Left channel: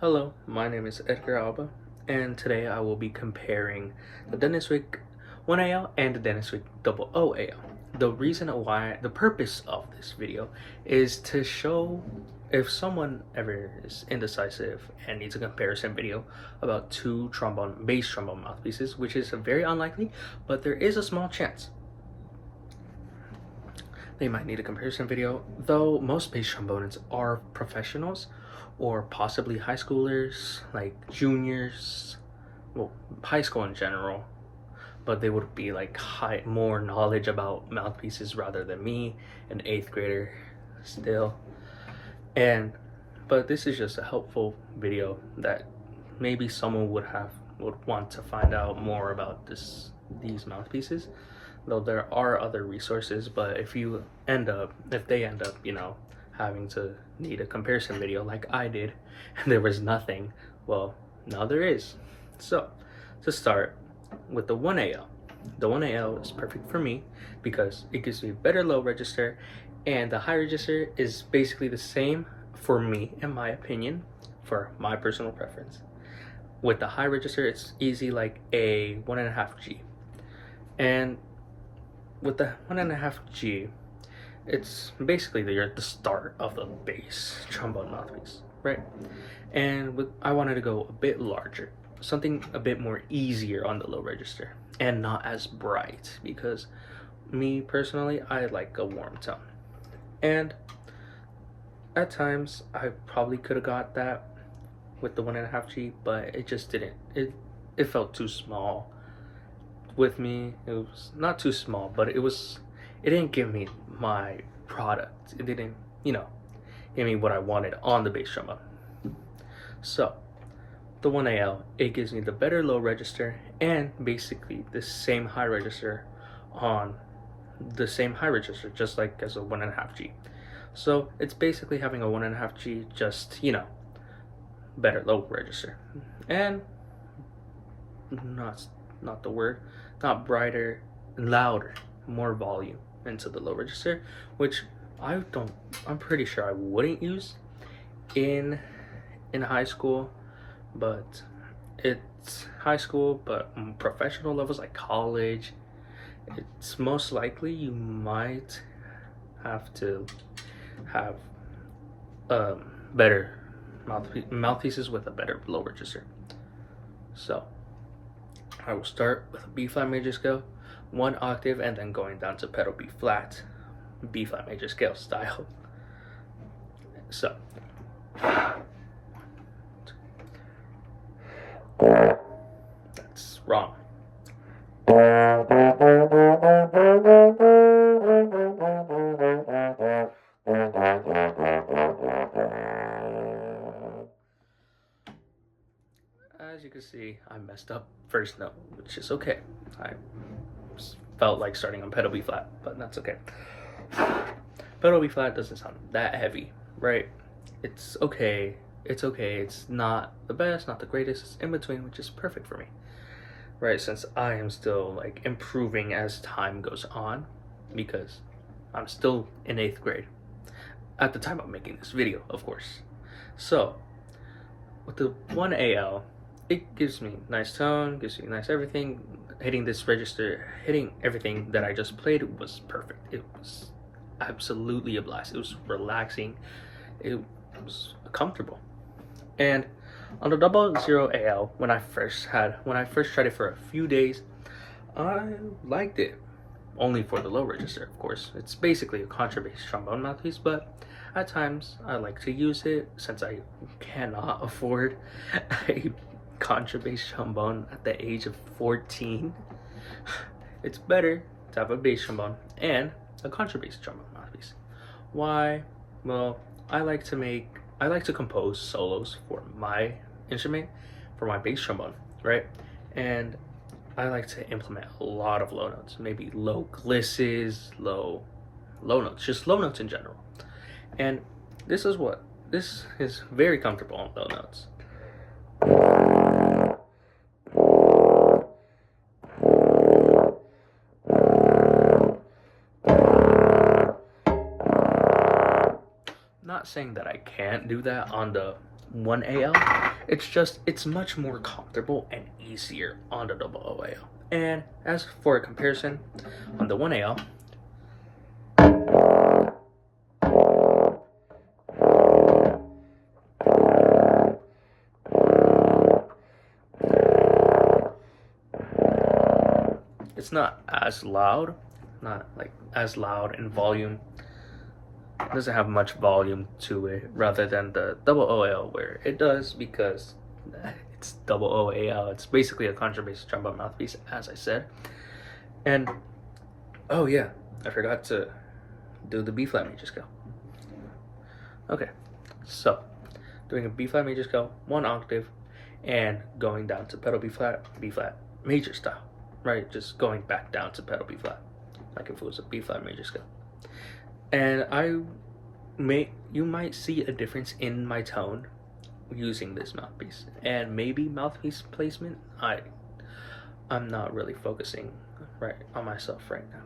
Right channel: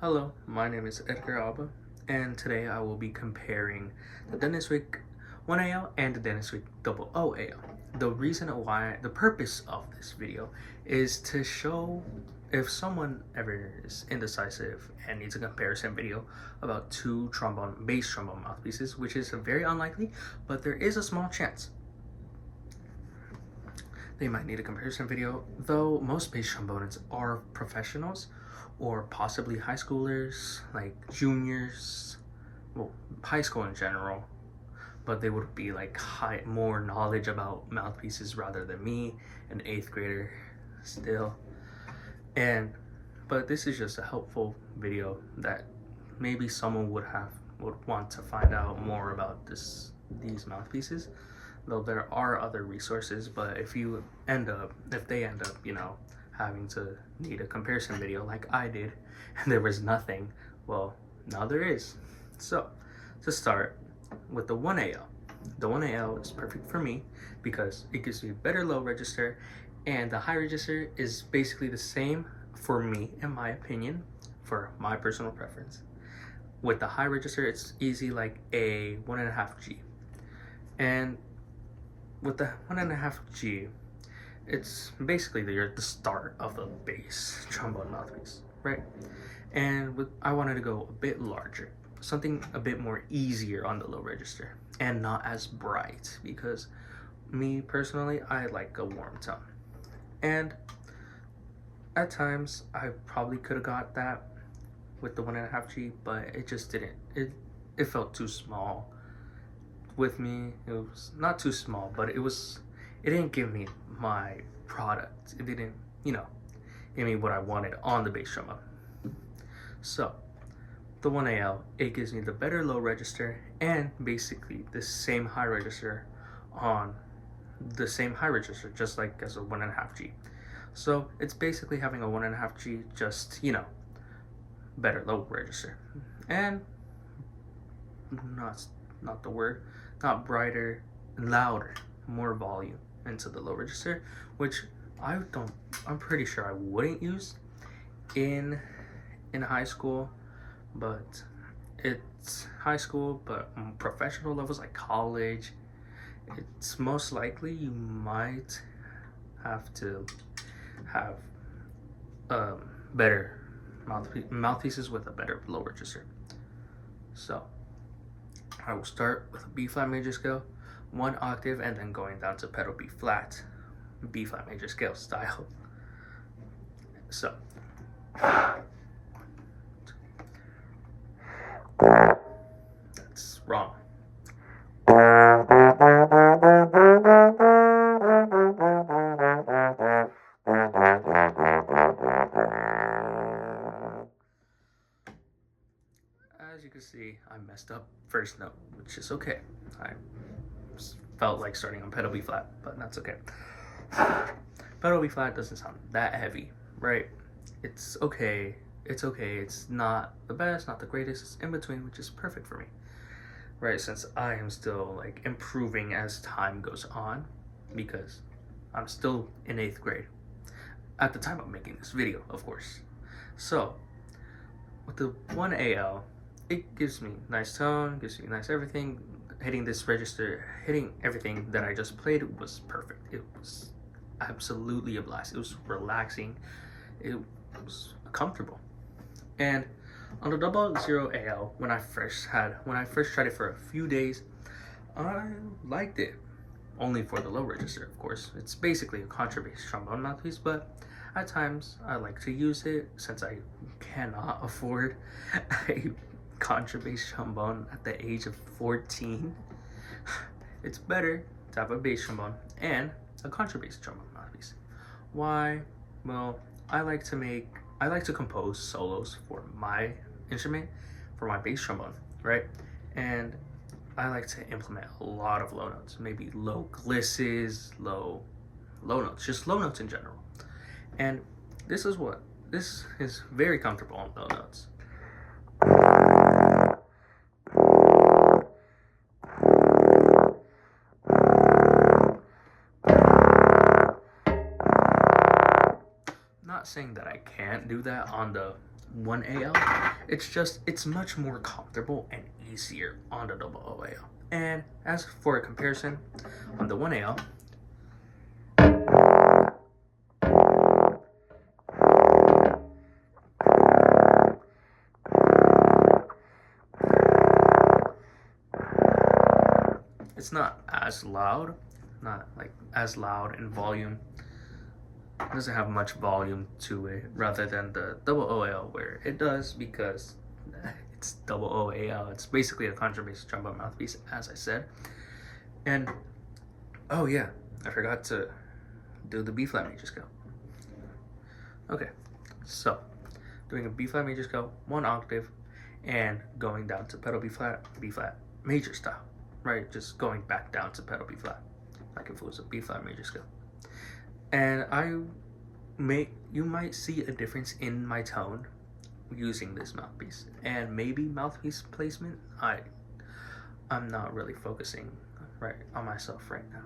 Hello, my name is Edgar Alba, and today I will be comparing the Denis Wick 1AL and the Denis Wick 00AL. The purpose of this video is to show if someone ever is indecisive and needs a comparison video about two bass trombone mouthpieces, which is very unlikely, but there is a small chance they might need a comparison video, though most bass trombonists are professionals or possibly high schoolers, like juniors, well, high school in general, but they would be like more knowledge about mouthpieces rather than me, an 8th grader still. But this is just a helpful video that maybe someone would want to find out more about these mouthpieces, though there are other resources. But if they end up having to need a comparison video like I did and there was nothing, well, now there is. So to start with the 1AL, the 1AL is perfect for me because it gives me better low register, and the high register is basically the same for me, in my opinion, for my personal preference. With the high register, it's easy like a 1.5G, and with the 1.5G, it's basically the start of the bass trombone mouthpiece, right? And I wanted to go a bit larger, something a bit more easier on the low register and not as bright, because me personally, I like a warm tone. And at times I probably could have got that with the 1.5G, but it just didn't. It felt too small with me. It was not too small, but it didn't give me my product. It didn't, give me what I wanted on the bass trombone. So the 1AL, it gives me the better low register and basically the same high register just like as a 1.5G. So it's basically having a 1.5G, just, better low register. And not the word, not brighter, louder, more volume into the low register, which I'm pretty sure I wouldn't use in high school, but it's high school, but professional levels like college, it's most likely you might have to have better mouthpieces with a better low register. So I will start with a B flat major scale, 1 octave, and then going down to pedal B flat major scale style. So that's wrong. As you can see, I messed up first note, which is okay. I felt like starting on pedal B flat, but that's okay. Pedal B flat doesn't sound that heavy, right? It's okay. It's not the best, not the greatest. It's in between, which is perfect for me, right? Since I am still like improving as time goes on, because I'm still in 8th grade at the time of making this video, of course. So with the 1AL, it gives me nice tone, gives me nice everything. Hitting this register, hitting everything that I just played was perfect. It was absolutely a blast. It was relaxing. It was comfortable. And on the 00AL, when I first tried it for a few days, I liked it. Only for the low register, of course. It's basically a contrabass trombone mouthpiece, but at times I like to use it since I cannot afford a contrabass trombone at the age of 14. It's better to have a bass trombone and a contrabass trombone mouthpiece. Why? Well, I like to compose solos for my instrument, for my bass trombone, right? And I like to implement a lot of low notes, maybe low glisses, low notes, just low notes in general. And this is very comfortable on low notes. Not saying that I can't do that on the 1AL. It's much more comfortable and easier on the double OAL. And as for a comparison, on the 1AL, it's not as loud, not like as loud in volume. It doesn't have much volume to it, rather than the double OAL, where it does, because it's double OAL. It's basically a contrabass trombone mouthpiece, as I said. And oh yeah, I forgot to do the B flat major scale. Okay, so doing a B flat major scale, 1 octave, and going down to pedal B flat major style, right? Just going back down to pedal B flat, like if it was a B flat major scale. And you might see a difference in my tone using this mouthpiece, and maybe mouthpiece placement. I'm not really focusing right on myself right now.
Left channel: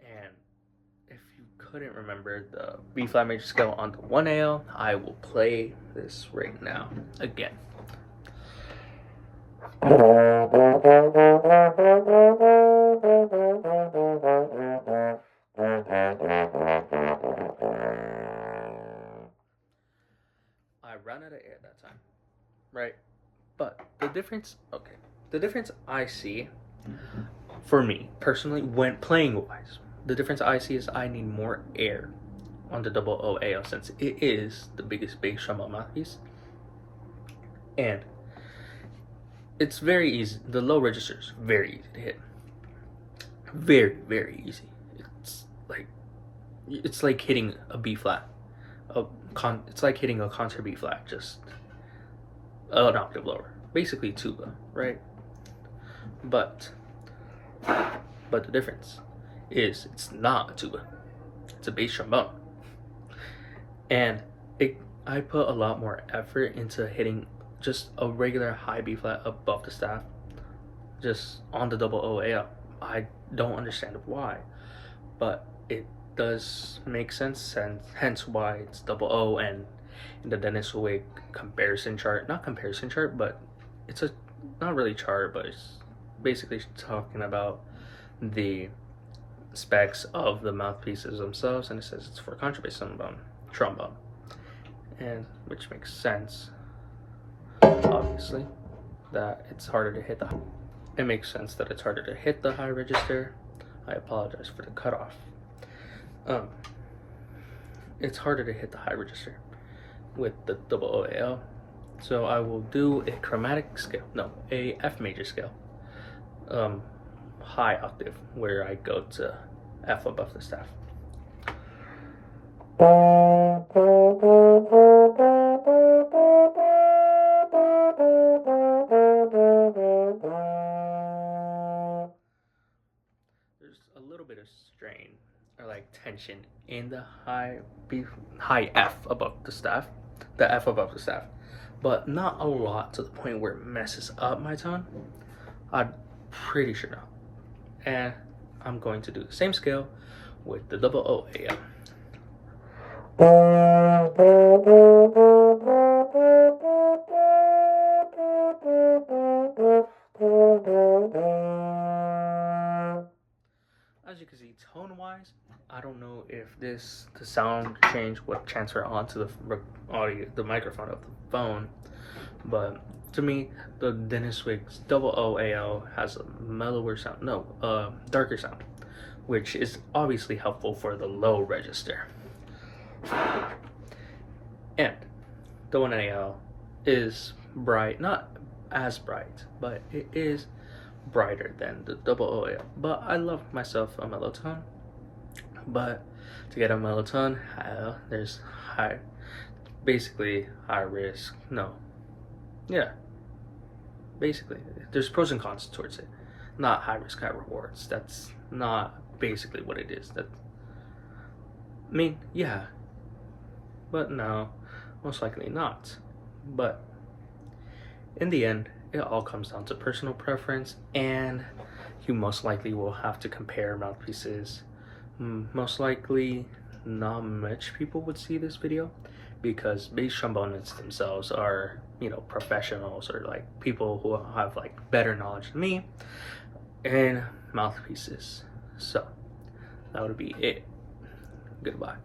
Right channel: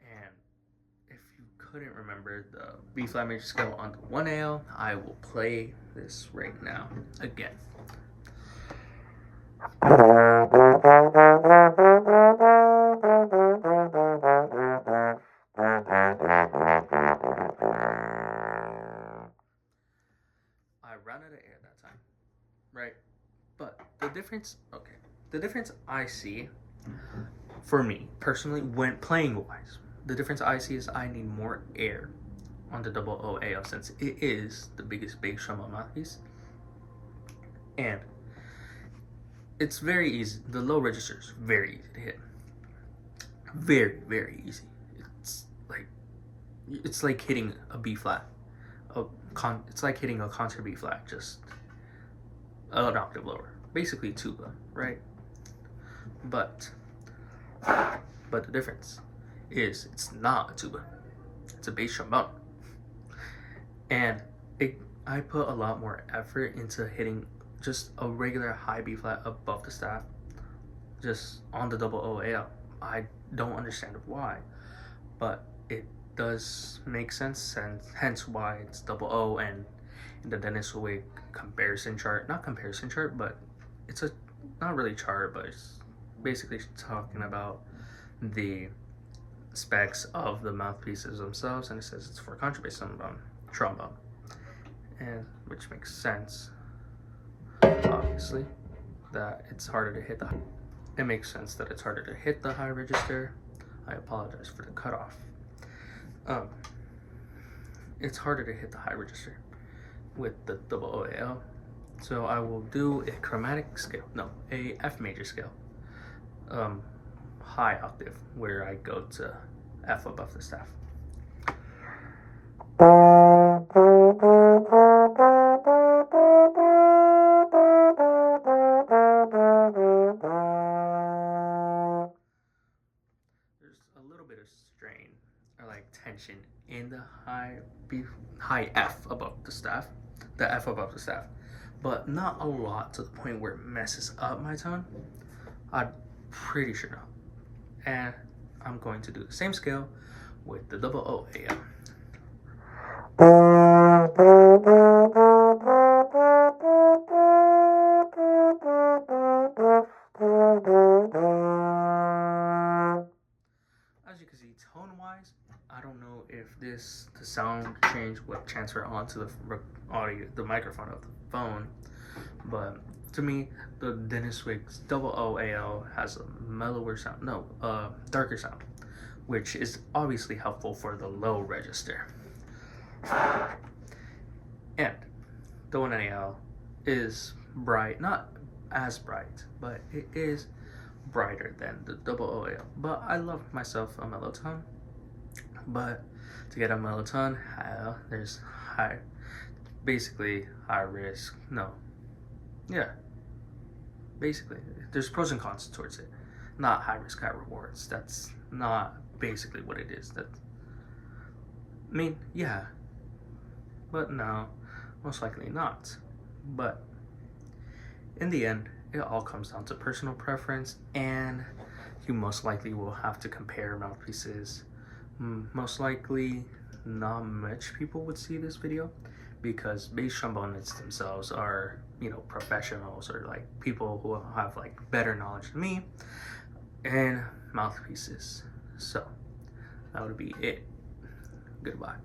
And if you couldn't remember the B flat major scale on the 1AL, I will play this right now again. I ran out of air that time, right? But the difference I see, for me personally, when playing wise, the difference I see is I need more air on the double OAL, since it is the biggest bass trombone mouthpiece, and it's very easy. The low register is very easy to hit, very, very easy. It's like hitting a B flat. It's like hitting a concert B flat, just an octave lower. Basically tuba, right? But the difference is it's not a tuba. It's a bass trombone. And I put a lot more effort into hitting just a regular high B flat above the staff, just on the double OAL. I don't understand why, but it does make sense, and hence why it's double O. And in the Denis Wick comparison chart, not comparison chart, but it's a not really chart, but it's basically talking about the specs of the mouthpieces themselves, and it says it's for contrabass trombone, and which makes sense, obviously, that it's harder to hit it makes sense that it's harder to hit the high register. I apologize for the cutoff. It's harder to hit the high register with the double OAL, so I will do a chromatic scale, no, a F major scale, high octave, where I go to F above the staff. There's a little bit of strain, or like tension, in the high F above the staff, the F above the staff, but not a lot to the point where it messes up my tone. I'm pretty sure not. And I'm going to do the same scale with the double OAL. As you can see, tone-wise, I don't know if the sound change would transfer onto the audio, the microphone of the phone, but to me, the Denis Wick's double OAL has a mellower sound, darker sound, which is obviously helpful for the low register. And the 1AL is bright, not as bright, but it is brighter than the double OAL. But I love myself a mellow tone. But to get a mellow tone, there's basically high risk. Basically, there's pros and cons towards it. Not high risk, high rewards. That's not basically what it is. Yeah, but no, most likely not. But in the end, it all comes down to personal preference, and you most likely will have to compare mouthpieces. Most likely not much people would see this video because bass trombonists themselves are, you know, professionals or like people who have like better knowledge than me in mouthpieces. So that would be it. Goodbye.